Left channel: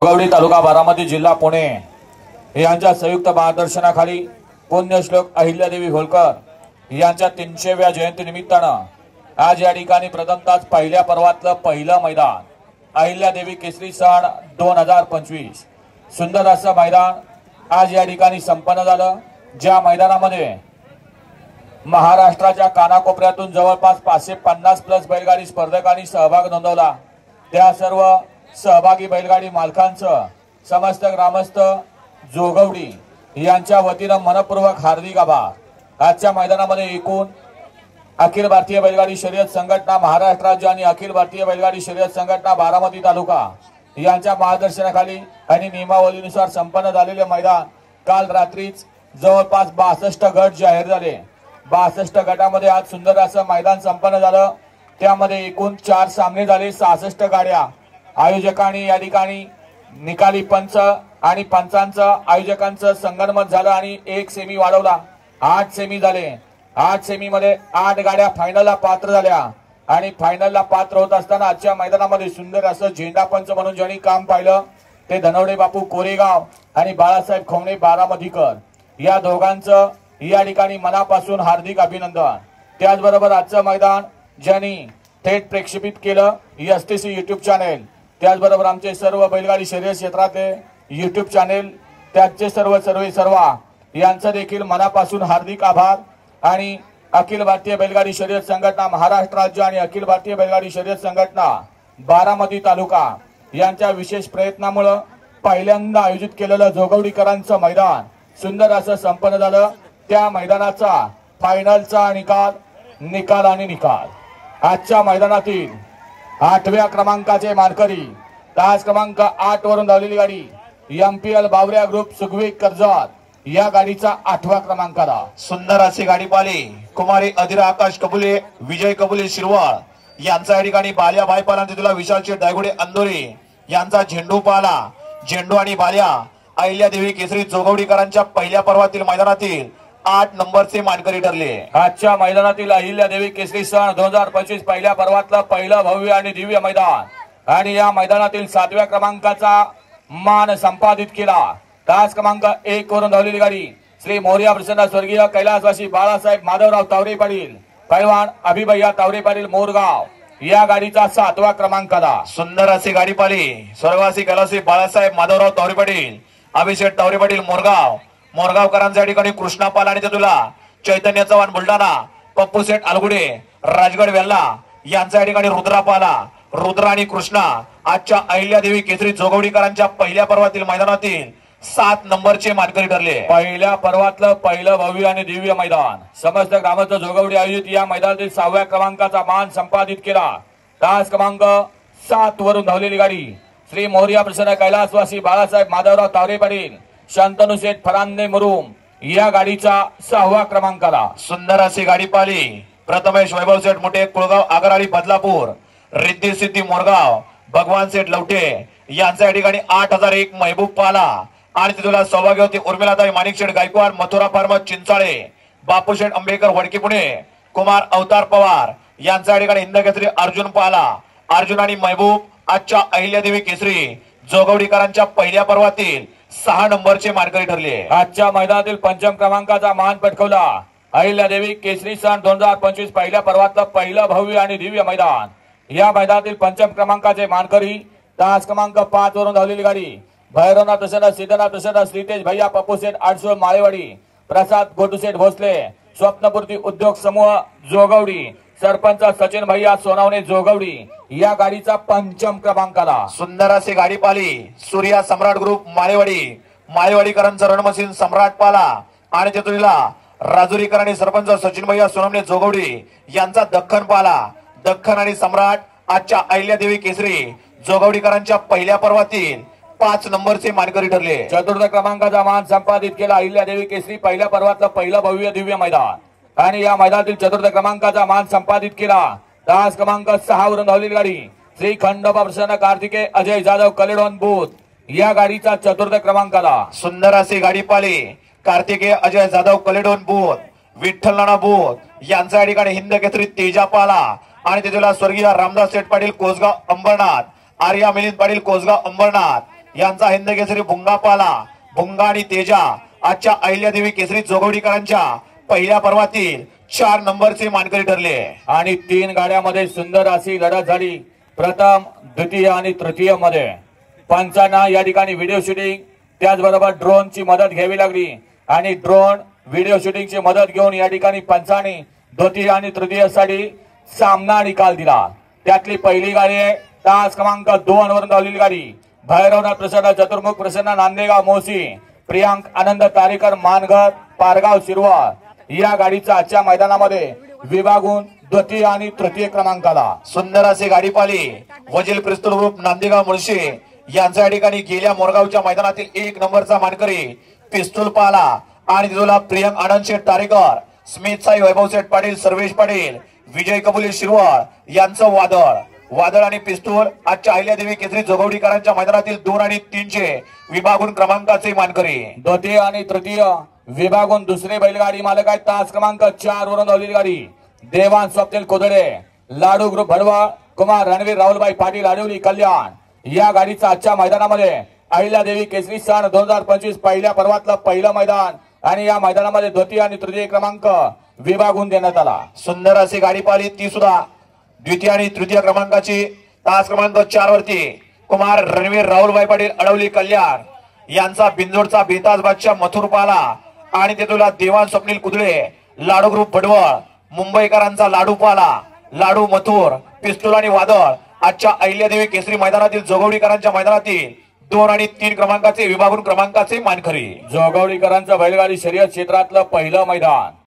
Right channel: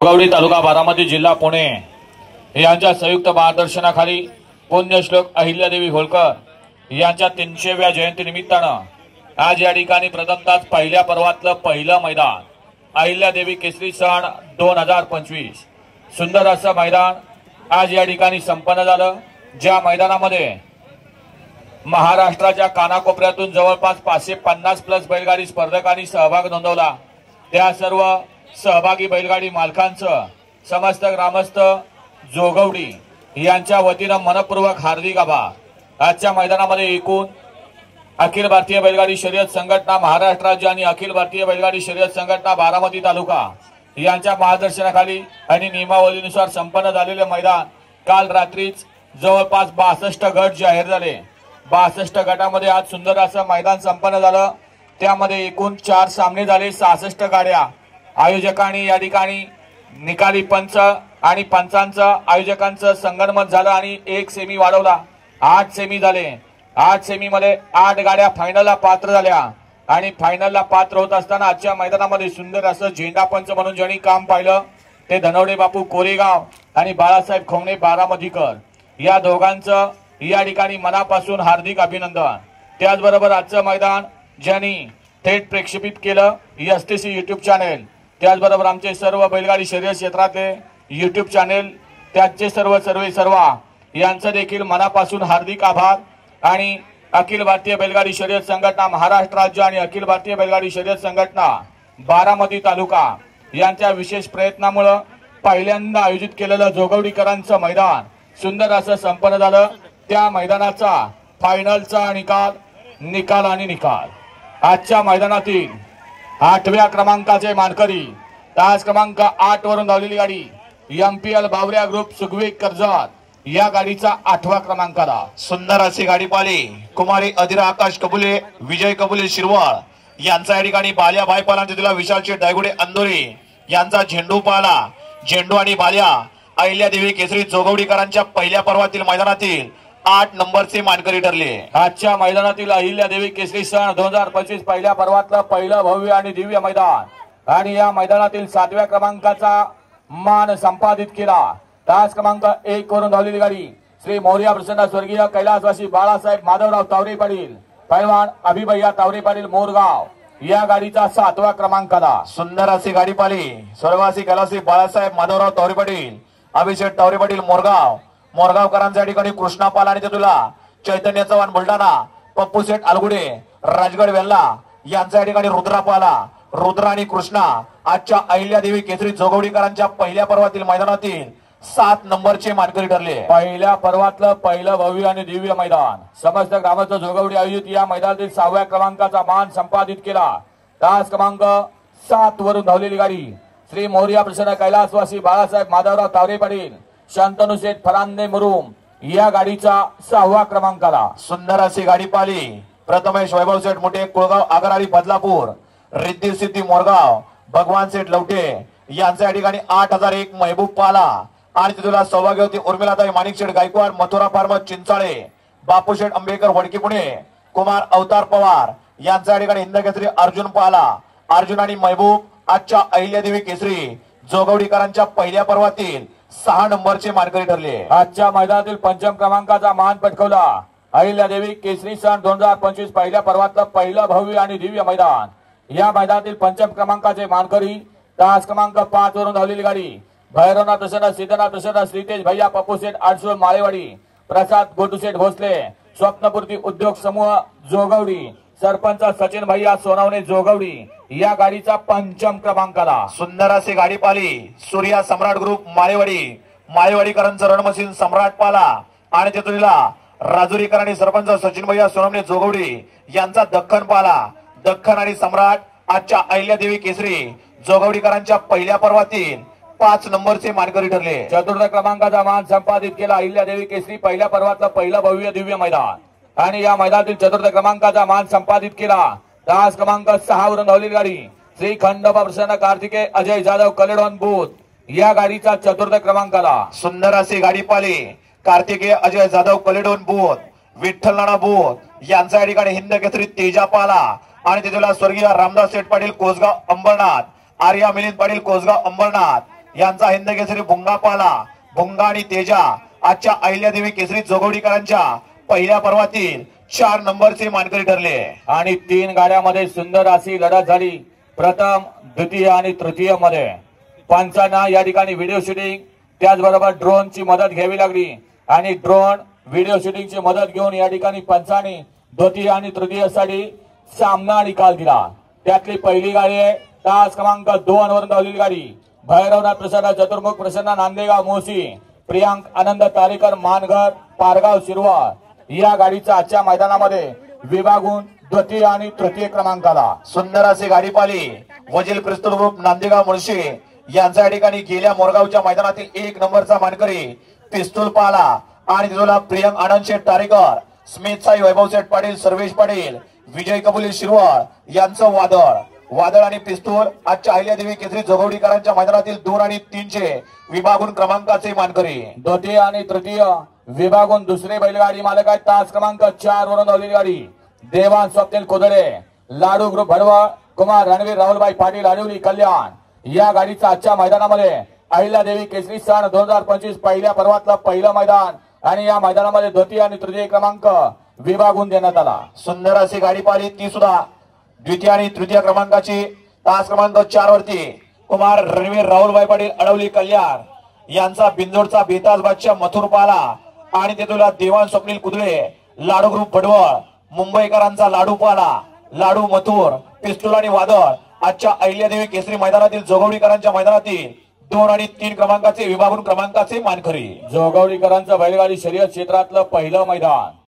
गवडी तालुका बारामती जिल्हा पुणे यांच्या संयुक्त मार्गदर्शनाखाली पुण्यश्लोक अहिल्यादेवी होळकर यांच्या 300व्या जयंती निमित्तानं आज या ठिकाणी प्रथमतः पहिल्या पर्वातलं पहिलं मैदान अहिल्यादेवी केसरी सण 2025 सुंदर असं मैदान आज या ठिकाणी संपन्न झालं। ज्या मैदानामध्ये महाराष्ट्राच्या कानाकोपऱ्यातून जवळपास 550 प्लस बैलगाडी स्पर्धकांनी सहभाग नोंदवला। त्या सर्व सहभागी बैलगाडी मालकांचं समस्त ग्रामस्थ जोगवडी यांच्या वतीनं मनपूर्वक हार्दिक आभार। आजच्या मैदानामध्ये एकूण अखिल भारतीय बैलगाडी शर्यत संघटना महाराष्ट्र राज्य आणि अखिल भारतीय बैलगाडी शर्यत संघटना बारामती तालुका यांच्या मार्गदर्शनाखाली आणि नियमावलीनुसार संपन्न झालेले मैदान काल रात्रीच जवळपास 62 गट जाहीर झाले। 62 गटामध्ये आज सुंदर असं मैदान संपन्न झालं। त्यामध्ये एकूण 4 सामने झाले, 66 गाड्या। आयोजकांनी या ठिकाणी निकाली पंच आणि पंचांचं आयोजकांचं संगनमत झालं आणि एक सेमी वाढवला। 8 सेमी झाले। 8 सेमी मध्ये 8 गाड्या फायनलला पात्र झाल्या आणि फायनलला पात्र होत असताना आजच्या मैदानामध्ये सुंदर असं झेंडा पंच म्हणून ज्यांनी काम पाहिलं ते धनवडे बापू कोरेगाव आणि बाळासाहेब खोमणे बारामतीकर या दोघांचं या ठिकाणी मनापासून हार्दिक अभिनंदन। त्याचबरोबर आजचं मैदान ज्यांनी थेट प्रक्षेपित केलं एसटीसी युट्यूब चॅनेल, त्याचबरोबर आमचे सर्व बैलगाडी शर्यत क्षेत्रातले युट्यूब चॅनेल त्याचे सर्व यांचं देखील मनापासून हार्दिक आभार। आणि अखिल भारतीय बैलगाडी शर्यत संघटना महाराष्ट्र राज्य आणि अखिल भारतीय बैलगाडी शर्यत संघटना बारामती तालुका यांच्या विशेष प्रयत्नामुळे पहिल्यांदा आयोजित केलेलं जोगवडीकरांचं मैदान सुंदर असं संपन्न झालं। त्या मैदानाचा फायनलचा निकाल आजच्या मैदानातील 8व्या क्रमांकाचे मानकरी तास क्रमांक 8 वरून धावलेली गाडी एमपीएल बावऱ्या ग्रुप सुगवी कर्जत या गाडीचा 8व्या क्रमांकाला सुंदर अशी गाडी पाली कुमारी अधिरा आकाश कबुले विजय कबुले शिरवाळ यांचा या ठिकाणी बाल्या भाईपाला तिला विशालचे डायगुडे अंदोरी यांचा झेंडू पाला। झेंडू आणि बाल्या अहिल्यादेवी केसरी जोगवडीकरांच्या पहिल्या पर्वातील मैदानातील 8 नंबरचे मानकरी ठरले। आजच्या मैदानातील अहिल्यादेवी केसरी सण 2025 पहिल्या पर्वातलं पहिलं भव्य आणि दिव्य मैदान आणि या मैदानातील 7व्या क्रमांकाचा मान संपादित केला। तास क्रमांक 1 वरून धावलेली गाडी श्री मोर्या प्रसन्न स्वर्गीय कैलासवासी बाळासाहेब माधवराव तावरे पाटील पैलवान अभिभैया तावरे पाटील मोरगाव या गाडीचा 7व्या क्रमांकाला सुंदर अशी गाडी पाली स्वर्गवासी कैलासवासी बाळासाहेब माधवराव तावरे पाटील अभिषेक तावरे पाटील मोरगावकरांच्या ठिकाणी कृष्णापाल आणि तुला चैतन्य चव्हाण बुलढाणा पप्पू शेठ अलगुडे राजगड वेल्ला यांच्या ठिकाणी रुद्र आणि कृष्णा आजच्या अहिल्यादेवी केसरी जोगवडीकरांच्या पहिल्या पर्वातील मैदानातील 7 नंबरचे मानकरी ठरले। पहिल्या पर्वातलं पहिलं भव्य आणि दिव्य मैदान समस्त ग्रामस्थ जोगवडी आयोजित या मैदानातील 6व्या क्रमांकाचा मान संपादित केला। तास क्रमांक 7 वरून धावलेली गाडी श्री मोर्या प्रसन्न कैलासवासी बाळासाहेब माधवराव तावरे पाटील शांतनु शेठ फरांदे मुरुम या गाडीचा 6व्या क्रमांकाला सुंदर अशी गाडी पाली प्रथमेश वैभव शेठ मोठे कुळगाव आगरवाडी बदलापूर रिद्धी सिद्धी मोरगाव भगवान शेठ लवटे यांच्या ठिकाणी 8001 महबूब पाला आणि तिथला सौभाग्यवती उर्मिलाताई माणिक शेठ गायकवाड मथुरा फार्म चिंचाळे बापू शेठ अंबेकर वडकी पुणे कुमार अवतार पवार यांच्या ठिकाणी हिंद केसरी अर्जुन पाला। अर्जुन आणि महबूब आजच्या अहिल्यादेवी केसरी जोगवडीकरांच्या पहिल्या पर्वातील 6 नंबरचे मानकरी ठरले। आजच्या मैदानातील 5म क्रमांकाचा मान पटकावला अहिल्यादेवी केसरी सन 2025 पहिल्या पर्वातलं पहिलं भव्य आणि दिव्य मैदान। या मैदानातील 5म क्रमांकाचे मानकरी तास क्रमांक 5 वरून धावलेली गाडी भैरवनाथ प्रसन्न सिद्धनाथ प्रसन्न श्रीतेज भैया पप्पू शेठ आडसोळ माळेवाडी प्रसाद गोटूशेठ भोसले स्वप्नपूर्ती उद्योग समूह जोगवडी सरपंच सचिन भैया सोनवणे जोगवडी या गाडीचा 5म क्रमांकाला सुंदर अशी गाडी पाली सूर्या सम्राट ग्रुप माळेवाडीकरांचं रणमशीन सम्राट पाला आणि तेथुला राजुरीकर आणि सरपंच सचिन भैया सोनवणे जोगवडी यांचा दख्खन पाला। दख्खन आणि सम्राट आजच्या अहिल्यादेवी केसरी जोगवडीकरांच्या पहिल्या पर्वातील 5 नंबरचे मानकरी ठरले। चतुर्थ क्रमांकाचा मान संपादित केला अहिल्यादेवी केसरी पहिल्या पर्वातलं पहिलं भव्य दिव्य मैदान आणि या मैदानातील 4th क्रमांकाचा मान संपादित केला तास क्रमांक 6 वरून धावलेली गाडी श्री खंडोबा प्रसन्न कार्तिकेय अजय जाधव कलेडोन बूथ या गाडीचा 4th क्रमांकाला सुंदर अशी गाडी पाली कार्तिकेय अजय जाधव कलेडोन बूथ विठ्ठल नाना बूथ यांच्या ठिकाणी हिंद केसरी तेजा पाला आणि तिथला स्वर्गीय रामदास शेठ पाटील कोसगाव अंबरनाथ आर्या मिलिंद पाटील कोसगाव अंबरनाथ यांचा हिंद केसरी भुंगा पाला भुंगा आणि तेजा आजच्या अहिल्यादेवी केसरी जोगवडीकरांच्या पहिल्या पर्वातील 4 नंबरचे मानकरी ठरले आणि 3 गाड्यामध्ये सुंदर अशी लढत झाली. प्रथम द्वितीय आणि तृतीय मध्ये पंचांना या ठिकाणी व्हिडिओ शूटिंग त्याचबरोबर ड्रोनची मदत घ्यावी लागली आणि ड्रोन व्हिडिओ शूटिंगची मदत घेऊन या ठिकाणी पंचांनी द्वितीय आणि तृतीय साठी सामना निकाल दिला. त्यातली पहिली गाडी आहे तास क्रमांक 2 वरून धावलेली गाडी भैरवनाथ प्रसन्न चतुर्मुख प्रसन्न नांदेगाव मोसी प्रियांक आनंद तारेकर मानघर पारगाव शिरवाळ या गाडीचा आजच्या मैदानामध्ये विभागून द्वितीय आणि तृतीय क्रमांकाला. सुंदर असे गाडी पाली वजील पिस्तूल ग्रुप नांदेगाव मुळशी यांच्या या ठिकाणी गेल्या मोरगावच्या मैदानातील 1 नंबरचा मानकरी पिस्तूल पाला आणि तिथला प्रियांक आनंद शेठ तारेकर स्मित साई वैभव शेठ पाटील सर्वेश पाटील विजय कबुली शिरवाळ यांचं वादळ आणि पिस्तूल आजच्या अहिल्यादेवी केसरी जोगवडीकरांच्या मैदानातील 2 आणि 3चे विभागून क्रमांकाचे मानकरी. द्वितीय आणि तृतीय विभागून दुसरी बैलगाडी मालक आहे तास क्रमांक 4 वरून धावलेली गाडी देवान स्वप्नील कोदडे लाडू ग्रुप भडवळ कुमार रणवीर राहुलबाई पाटील आडिवली कल्याण या गाडीचा आजच्या मैदानामध्ये अहिल्यादेवी केसरी सन 2025 पहिल्या पर्वातलं पहिलं मैदान आणि या मैदानामध्ये द्वितीय आणि तृतीय क्रमांक विभागून देण्यात आला. सुंदर अशी गाडी पाहिली ती सुद्धा द्वितीय आणि तृतीय क्रमांकाची तास क्रमांक 4 वरती कुमार रणवीर राहुलबाई पाटील अडवली कल्याण यांचा बिंदोडचा बेताज बादशाह मथुर पाला आणि तेथुला देवान स्वप्नील कुदळे लाडू ग्रुप भडवळ मुंबईकरांचा लाडू पाला लाडू मथुर पिस्तूल आणि वादळ आजच्या अहिल्यादेवी केसरी मैदानातील जोगवडीकरांच्या मैदानातील 2 आणि 3 क्रमांकाचे विभागून क्रमांकाचे मानकरी. जोगवडीकरांचं बैलगाडी शर्यत क्षेत्रातलं पहिलं मैदान